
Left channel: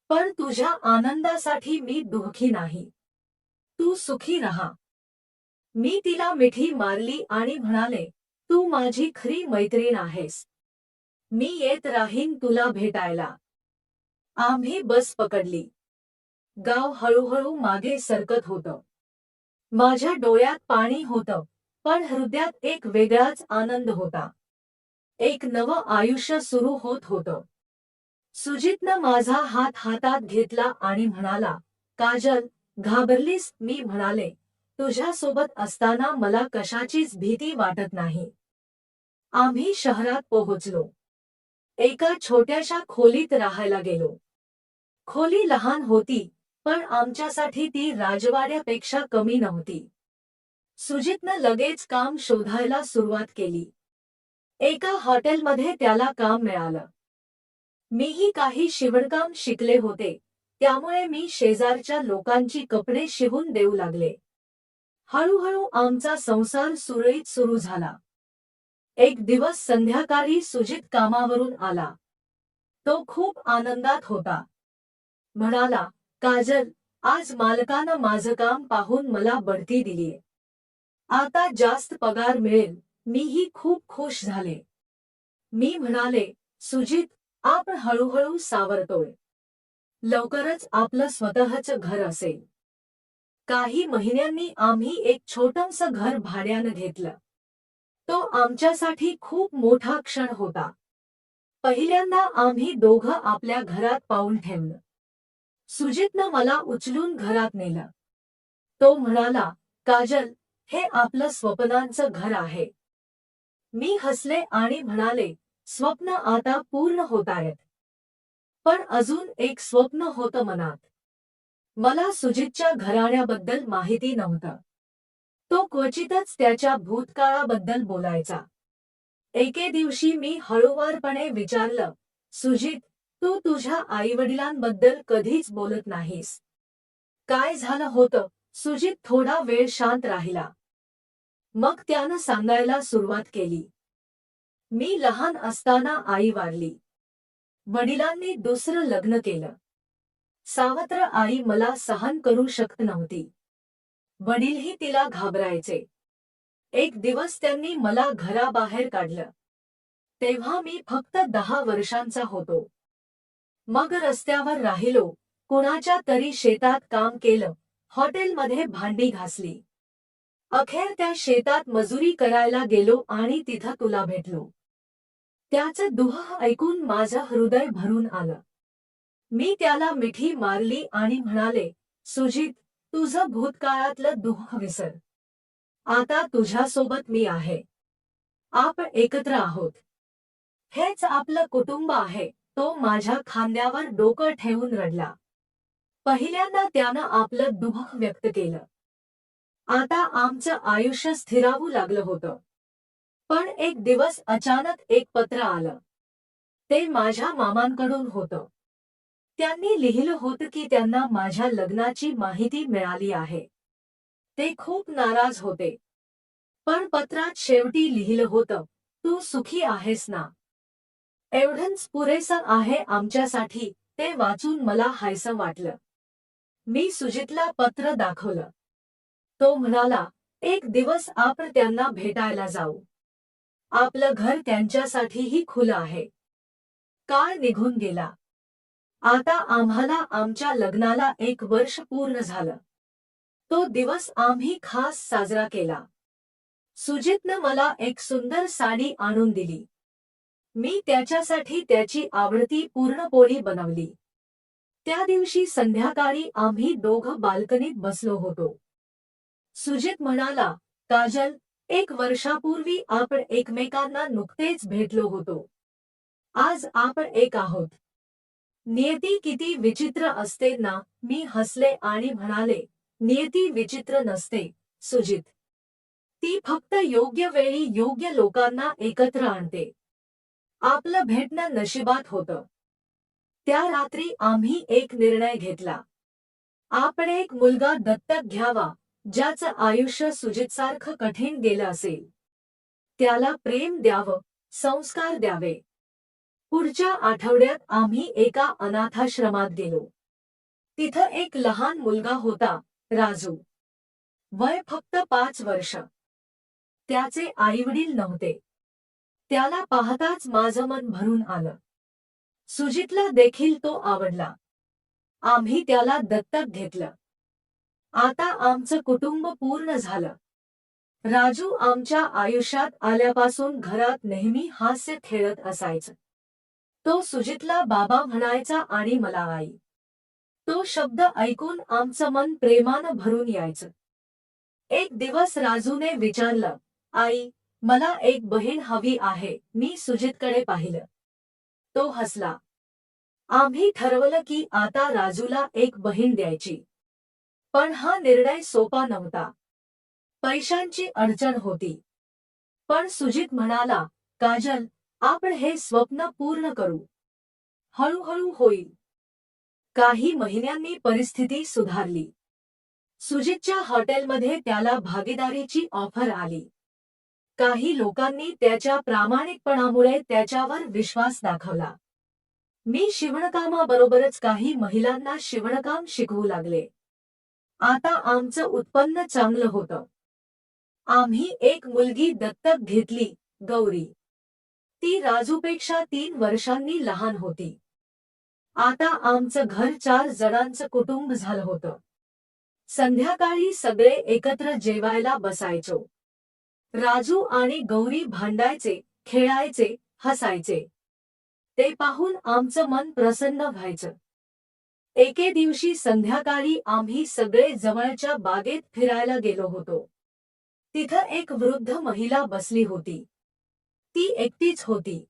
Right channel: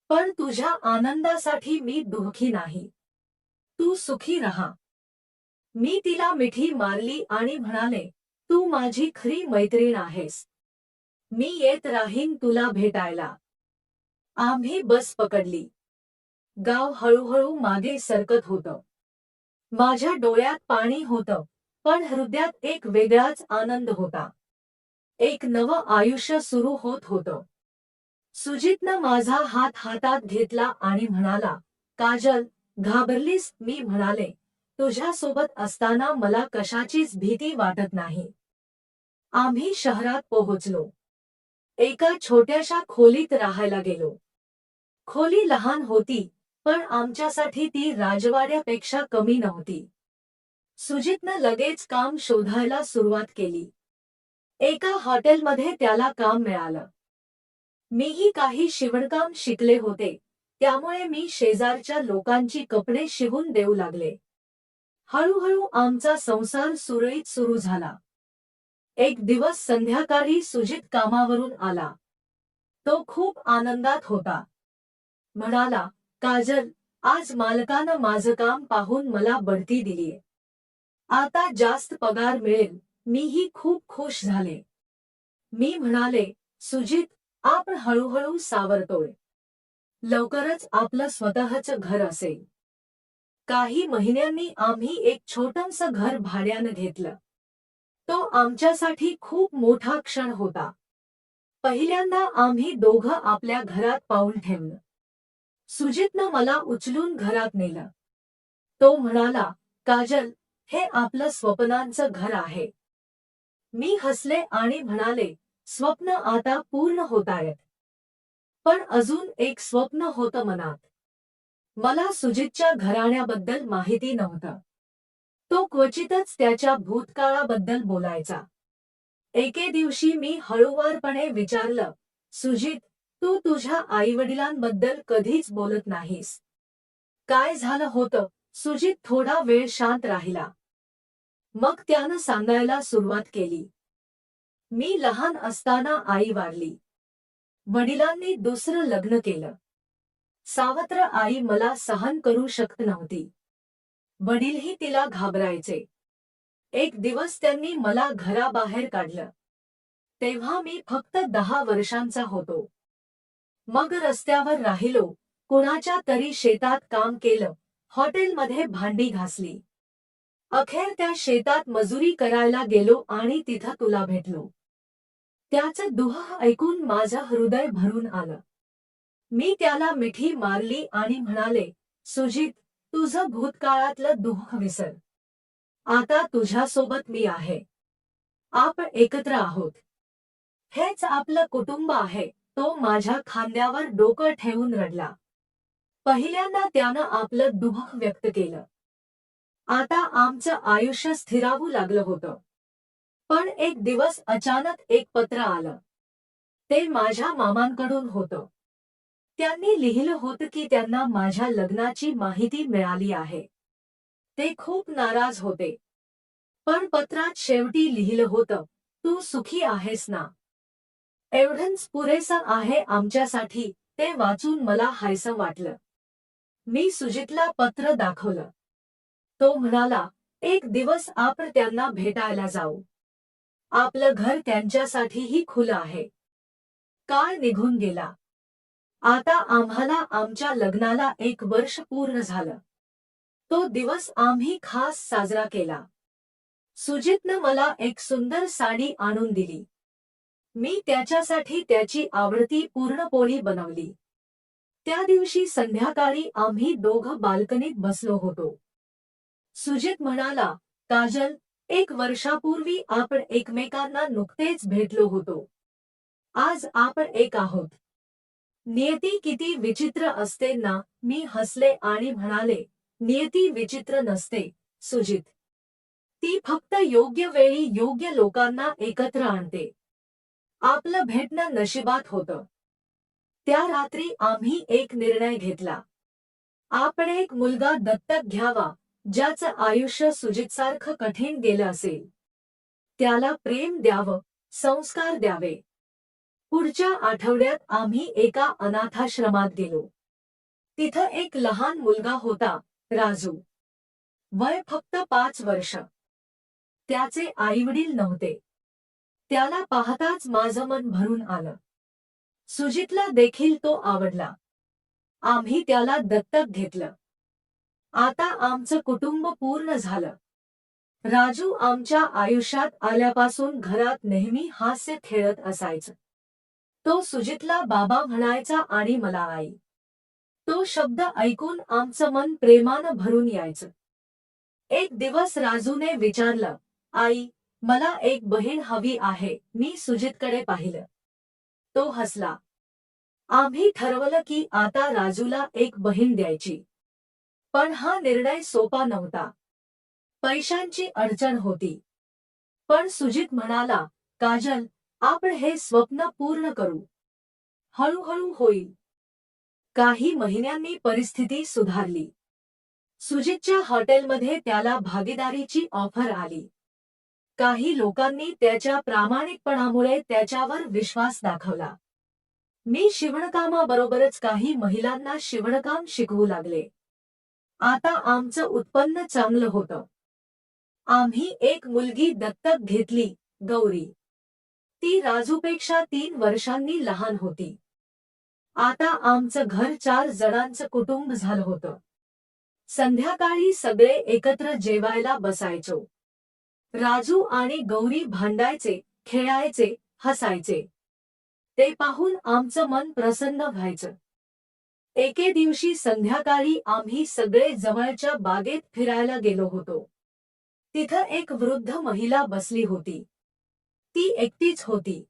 पण तुझ्या आनंदासाठी मी दुःखी नाही. तू सुखी राहा. मी तिला मिठी मारली आणि म्हणाले, तू माझी खरी मैत्रीण आहेस. मी येत राहीन तुला भेटायला. आम्ही बस पकडली. गाव हळूहळू मागे सरकत होतं. माझ्या डोळ्यात पाणी होतं, पण हृदयात एक वेगळाच आनंद होता. एक नवं आयुष्य सुरू होत होतं. सुजितनं माझा हात हातात घेतला आणि म्हणाला, काजल, घाबरलीस? मी म्हणाले, तुझ्यासोबत असताना मला कशाचीच भीती वाटत नाही. आम्ही शहरात पोहोचलो. एका छोट्याशा खोलीत राहायला गेलो. खोली लहान होती, पण आमच्यासाठी ती राजवाड्यापेक्षा कमी नव्हती. सुजितनं लगेच काम शोधायला सुरुवात केली. एका हॉटेलमध्ये त्याला काम मिळालं. मीही काही शिवणकाम शिकले होते, त्यामुळे मी शेजारच्या लोकांची कपडे शिवून देऊ लागले. हळूहळू आमचा संसार सुरळीत सुरू झाला. एक दिवस संध्याकाळी सुजित कामावरून आला. तो खूप आनंदात होता. म्हणाला, काजल, आज मालकानं माझं काम पाहून मला बढती दिलीये. आता जास्त पगार मिळेल. मीही खूप खुश झाले. मी म्हणाले, सुजित, आपण हळूहळू सावरतोय. लवकरच आपलं स्वतःचं घर असेल. काही महिन्यांनी आम्ही एक छोटंसं घर भाड्यानं घेतलं. तो आमच्यासाठी खूप मोठा क्षण होता. पहिल्यांदा आम्ही दोघं आपल्या घरात पाऊल ठेवलं. सुजितनं मला उचलून घरात नेलं. तो म्हणाला, काजल, हे आपलं स्वप्नांचं घर आहे. मी हसले आणि म्हणाले, स्वप्न आता पूर्ण होतायत. पण अजून एक स्वप्न होतं मनात. मला सुजितच्या घराण्याबद्दल माहिती नव्हतं. तो क्वचितच त्याच्या भूतकाळाबद्दल बोलायचा. एके दिवशी मी हळूवारपणे विचारलं, सुजित, तू तुझ्या आईवडिलांबद्दल कधीच बोलत नाहीस. काय झालं होतं? सुजित थोडा वेळ शांत राहिला. मग त्यानं सांगायला सुरुवात केली. मी लहान असताना आई वारली. वडिलांनी दुसरं लग्न केलं. सावत्र आई मला सहन करू शकत नव्हती. वडीलही तिला घाबरायचे. एक दिवस त्यांनी मला घराबाहेर काढलं. तेव्हा मी फक्त 10 वर्षांचा होतो. मग रस्त्यावर राहिलो, कुणाच्या तरी शेतात काम केलं, हॉटेलमध्ये भांडी घासली. अखेर त्या शेतात मजुरी करायला गेलो आणि तिथं तुला भेटलो. त्याचं दुह ऐकून माझं हृदय भरून आलं. मी त्याला मिठी मारली आणि म्हणाले, सुजित, तुझं भूतकाळातलं दुःख विसर. आता तुझ्यासोबत मी आहे. आपण एकत्र आहोत. हेच आपलं कुटुंब आहे. तो माझ्या खांद्यावर डोकं ठेवून रडला. पहिल्यांदा त्यानं आपलं दुःख व्यक्त केलं. आता आमचं आयुष्य स्थिरावू लागलं होतं. पण एक दिवस अचानक एक पत्र आलं. ते माझ्या मामांकडून होतं. त्यांनी लिहिलं होतं की त्यांना माझ्या लग्नाची माहिती मिळाली आहे. ते खूप नाराज होते. पण पत्रात शेवटी लिहिलं होतं, तू सुखी आहेस ना? एवढंच पुरेसं आहे आमच्यासाठी. ते वाचून मला हायसं वाटलं. मी सुजितला पत्र दाखवलं. तो म्हणाला, एक दिवस आपण त्यांना भेटायला जाऊ. आपलं घर त्यांच्यासाठीही खुलं आहे. काळ निघून गेला. आता आम्हाला आमच्या लग्नाला 1 वर्ष पूर्ण झालं. तो दिवस आम्ही खास साजरा केला. सुजितनं मला एक सुंदर साडी आणून दिली. मी त्याच्यासाठी त्याची आवडती पुरणपोळी बनवली. त्या दिवशी संध्याकाळी आम्ही दोघं बाल्कनीत बसलो होतो. सुजित म्हणाला, काजल, 1 वर्षापूर्वी आपण एकमेकांना नुकतेच भेटलो होतो. आज आपण एक आहोत. नियती किती विचित्र असते ना? मी हसले आणि म्हणाले, नियती विचित्र नसते, सुजित. ती फक्त योग्य वेळी योग्य लोकांना एकत्र आणते. आपलं भेटणं नशिबात होतं. त्या रात्री आम्ही एक निर्णय घेतला. आपण एक मुलगा दत्तक घ्यावा, ज्याचं आयुष्य सुजितसारखं कठीण गेलं असेल. त्याला प्रेम द्यावं, संस्कार द्यावे. पुढच्या आठवड्यात आम्ही एका अनाथाश्रमात गेलो. तिथं एक लहान मुलगा होता, राजू. वय फक्त 5 वर्ष. त्याचे आईवडील नव्हते. त्याला पाहताच माझं मन भरून आलं. सुजितला देखील तो आवडला. आम्ही त्याला दत्तक घेतलं. आता आमचं कुटुंब पूर्ण झालं. राजू आमच्या आयुष्यात आल्यापासून घरात नेहमी हास्य खेळत असायचं. तो सुजितला बाबा म्हणायचा आणि मला आई. तो शब्द ऐकून आमचं मन प्रेमानं भरून यायचं. एक दिवस राजूने विचारलं, आई, मला एक बहीण हवी आहे. मी सुजितकडे पाहिलं. तो हसला. आम्ही ठरवलं की आता राजूला एक बहीण द्यायची. पण हा निर्णय सोपा नव्हता. पैशांची अडचण होती. पण सुजित म्हणाला, काजल, आपण हे स्वप्न पूर्ण करू. हळूहळू होईल. काही महिन्यांनी परिस्थिती सुधारली. सुजितच्या हॉटेलमध्ये त्याला भागीदारीची ऑफर आली. काही लोकांनी त्याच्या प्रामाणिकपणामुळे त्याच्यावर विश्वास दाखवला. मी शिवणकामाबरोबरच काही महिलांना शिवणकाम शिकवू लागले. आता आमचं उत्पन्न चांगलं होतं. आम्ही एक मुलगी दत्तक घेतली, गौरी. ती राजूपेक्षा 3 वर्षांनी लहान होती. आता आमचं घर 4 जणांचं कुटुंब झालं होतं. संध्याकाळी सगळे एकत्र जेवायला बसायचो. राजू आणि गौरी भांडायचे, खेळायचे, हसायचे. ते पाहून आमचं मन प्रसन्न व्हायचं. एके दिवशी संध्याकाळी आम्ही सगळे जवळच्या बागेत फिरायला गेलो होतो. तिथं एक वृद्ध महिला बसली होती. ती एकटीच होती.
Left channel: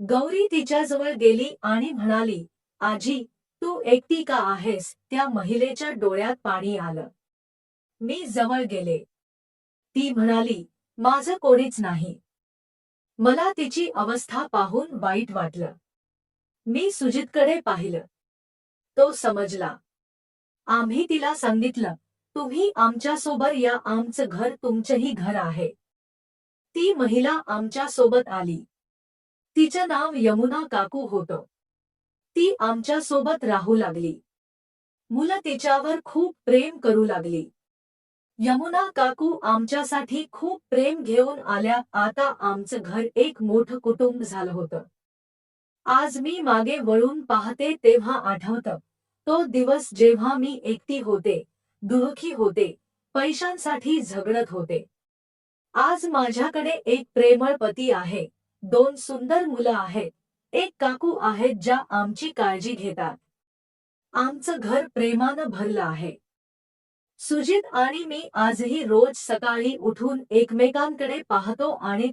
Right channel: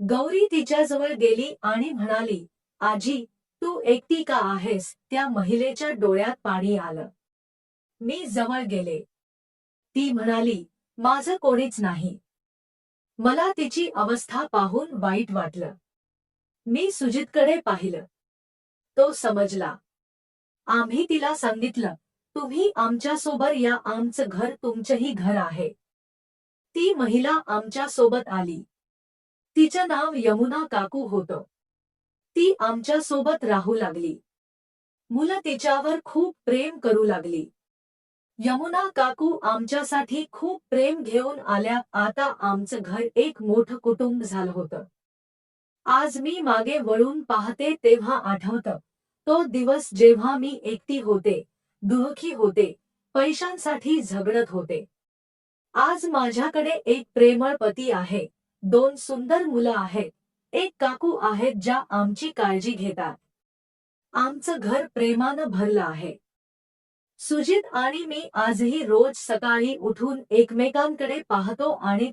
गौरी तिच्याजवळ गेली आणि म्हणाली, आजी, तू एकटी का आहेस? त्या महिलेच्या डोळ्यात पाणी आलं. मी जवळ गेले. ती म्हणाली, माझं कोणीच नाही. मला तिची अवस्था पाहून वाईट वाटलं. मी सुजितकडे पाहिलं. तो समजला. आम्ही तिला सांगितलं, तुम्ही आमच्यासोबत या, आमचं घर तुमचंही घर आहे. ती महिला आमच्या सोबत आली. तिचं नाव यमुना काकू होतं. ती आमच्या सोबत राहू लागली. मुलं तिच्यावर खूप प्रेम करू लागली. यमुना काकू आमच्यासाठी खूप प्रेम घेऊन आल्या. आता आमचं घर एक मोठं कुटुंब झालं होतं. आज मी मागे वळून पाहते तेव्हा आठवतं, तो दिवस जेव्हा मी एकटी होते, दुःखी होते, पैशांसाठी झगडत होते. आज माझ्याकडे एक प्रेमळ पती आहे, 2 सुंदर मुलं आहेत, एक काकू आहेत ज्या आमची काळजी घेतात. आमचं घर प्रेमानं भरलं आहे. सुजित आणि मी आजही रोज सकाळी उठून एकमेकांकडे पाहतो आणि